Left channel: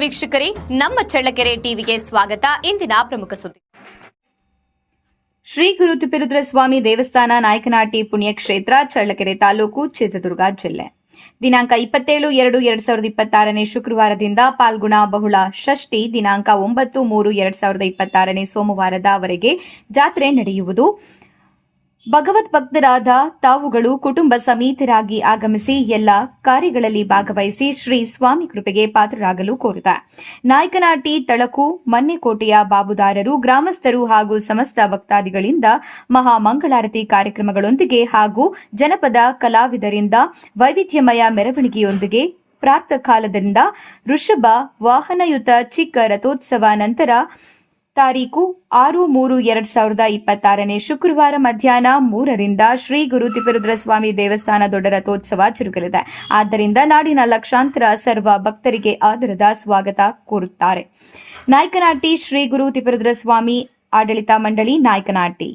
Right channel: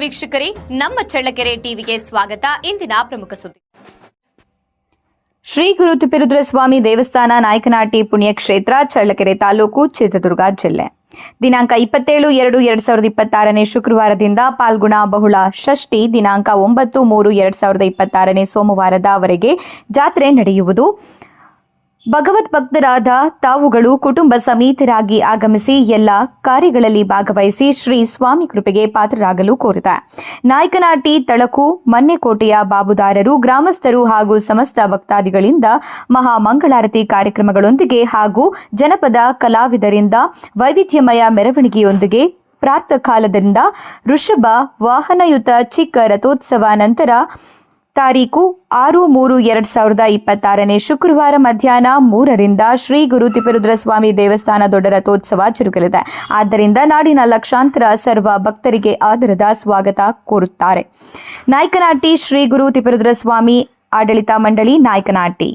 ವೀಕ್ಷಕರೇ, ನಮ್ಮ ಚಳ್ಳಕೆರೆ ಟಿವಿಗೆ ಸ್ವಾಗತ. ಇಂದಿನ ಪ್ರಮುಖ ಸುದ್ದಿ. ಶ್ರೀ ಗುರು ತಿಪ್ಪೇರುದ್ರಸ್ವಾಮಿ ದೇವಸ್ಥಾನ, ನಾಯಕನಹಟ್ಟಿ ಪುಣ್ಯಕ್ಷೇತ್ರ, ಚಳ್ಳಕೆರೆ ತಾಲೂಕು, ಚಿತ್ರದುರ್ಗ ಜಿಲ್ಲೆ. ದಿನಾಂಕ 27/2/2026 ಶುಕ್ರವಾರದಿಂದ ಪಾಲ್ಗುಣ ಬಹುಳ ಷಷ್ಠಿ ದಿನಾಂಕ 9/3/2026 ಸೋಮವಾರದವರೆಗೆ ಜಾತ್ರೆ ನಡೆಯುವುದು. ಭಗವದ್ ಭಕ್ತರಾದ ತಾವುಗಳು ಕುಟುಂಬ ಸಮೇತರಾಗಿ ಆಗಮಿಸಿ ಎಲ್ಲ ಕಾರ್ಯಗಳಲ್ಲಿ ಭಾಗವಹಿಸಿ ಶ್ರೀ ಸ್ವಾಮಿ ಕೃಪೆಗೆ ಪಾತ್ರರಾಗಲು ಕೋರಿದೆ. ನಾಯಕನಹಟ್ಟಿ ತಳಕು ಮನ್ನೆಕೋಟೆಯ ಬಾಬುದಾರರು, ಗ್ರಾಮಸ್ಥರು ಹಾಗೂ ಸಮಸ್ತ ಭಕ್ತಾದಿಗಳಿಂದ ಮಹಾಮಂಗಳಾರತಿ ಕಾರ್ಯಕ್ರಮಗಳೊಂದಿಗೆ ಹಾಗೂ ಜನಪದ ಕಲಾವಿದರಿಂದ ವೈವಿಧ್ಯಮಯ ಮೆರವಣಿಗೆಯೊಂದಿಗೆ ಪ್ರಾತಃಕಾಲದಿಂದ ವೃಷಭ ವಾಹನಯುತ ಚಿಕ್ಕ ರಥೋತ್ಸವ ನಂತರ ತಾರೀಕು 6/3/2026 ಶುಕ್ರವಾರ ಮಧ್ಯಾಹ್ನ 3ರಿಂದ ಶ್ರೀ ಗುರು ತಿಪ್ಪೇರುದ್ರಸ್ವಾಮಿ ದೇವಸ್ಥಾನ ದೊಡ್ಡ ರಥೋತ್ಸವ ಜರುಗಲಿದೆ. ಆದ್ದರಿಂದ ನಾಡಿನ ಲಕ್ಷಾಂತರ ಸರ್ವ ಭಕ್ತರಿಗೆ ಆದರದ ಸ್ವಾಗತ ಕೋರುತ್ತಾರೆ. ನಾಯಕನಹಟ್ಟಿ ಶ್ರೀ ಗುರು ತಿಪ್ಪೇರುದ್ರಸ್ವಾಮಿ ಆಡಳಿತ ಮಂಡಳಿ, ನಾಯಕನಹಟ್ಟಿ.